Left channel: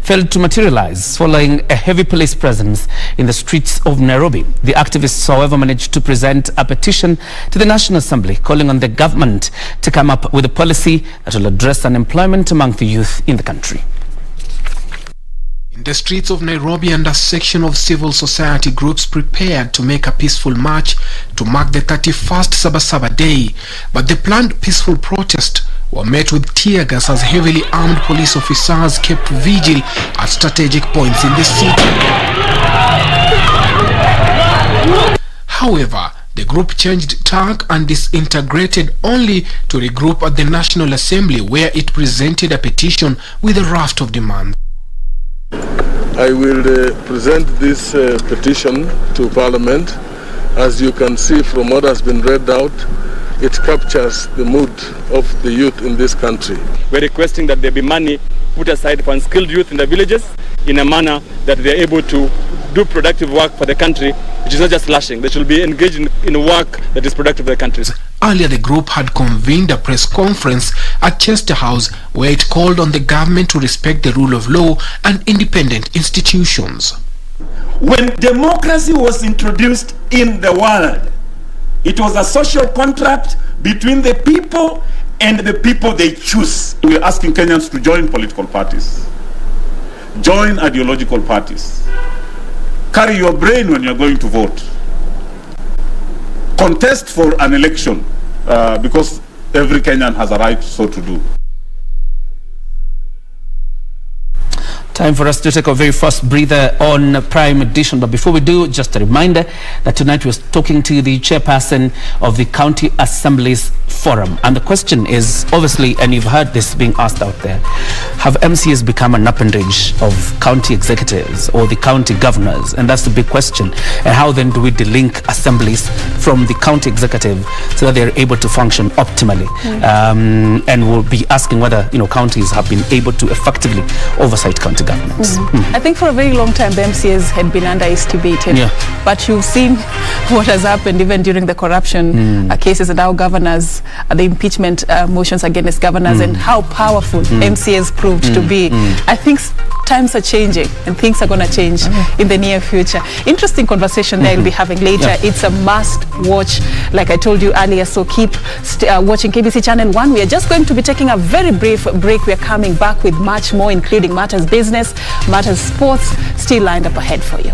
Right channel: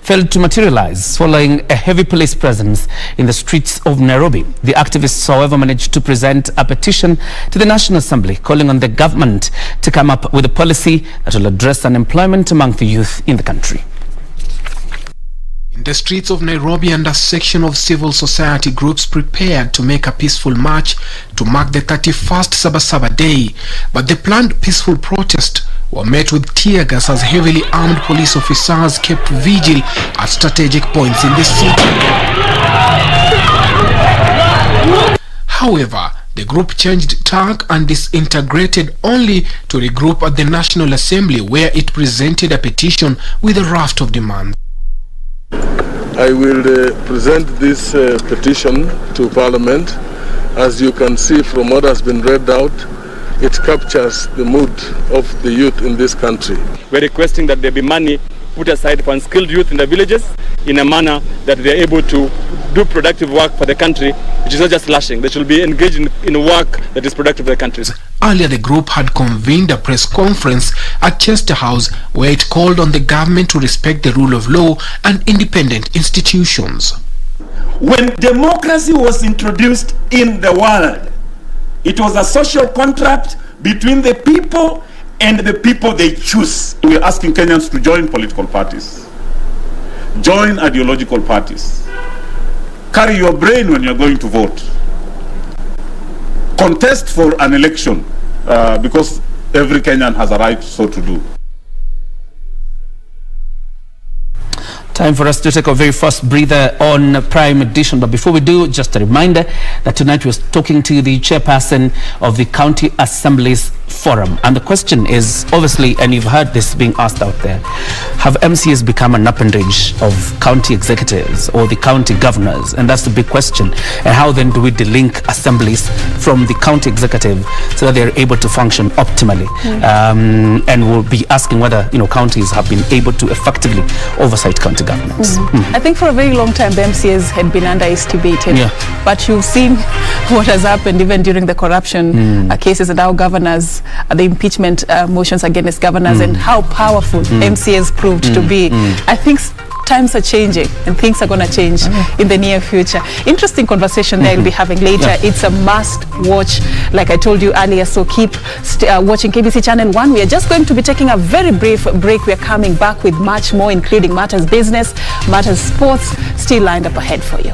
failed to materialize following a heavy police presence in the streets of Nairobi. The activists, however, managed to present a petition to the National Assembly calling on the government to come up with a policy that will address unemployment among the youth in the country. In the streets of Nairobi, and a section of civil society groups prepared to make a peaceful march to mark the 31st Saba Saba day, but the planned peaceful protest were met with tear gas as heavily armed police officers kept vigil at strategic points in the city. However, the group changed tack and disintegrated only to regroup at the National Assembly, where it presented a petition with a raft of demands. I will present this petition to Parliament. As you can see from what has been read out, it captures the mood of the youth in this country. We're requesting that there be money put aside for unskilled youth in the villages in a manner that they're able to do productive work for the country, which is not just lashing. They should be engaged in work that is productive for the country. Earlier, the group had convened a press conference at Chester House where it called on the government to respect the rule of law and independent institutions. When democracy was introduced in the world, it was a social contract between the people and the people they choose. We're asking Kenyans to join political parties, join ideological parties, carry your brain when you're going to vote, contest for an election, because every Kenyan has a right so to do. Time for us to take our very first breather on Prime Edition. But before we do, just a reminder that tonight we're talking to the chairperson of the County Assemblies Forum. And the question is, obviously, and you've heard this being asked out there, have MCAs become an appendage of county executives or the county governors? And that's the big question. And how then do we delink assemblies from the county executive so that they're able to function optimally? And we'll be asking whether, counties have been able to effectively oversight county governments. I think for a very long time the MCAs had been underestimated, but you've seen what has happened even during the corruption cases and how governors, the impeachment motions against governors, and how powerful MCAs proved to be. I think times are changing and things are going to change in the near future. Interesting conversation there we'll be having later. It's a must watch, like I told you earlier, so keep watching KBC Channel 1. We are just going to be taking a very brief break. We are coming back with much more, including matters business, matters sports, still lined up ahead for you.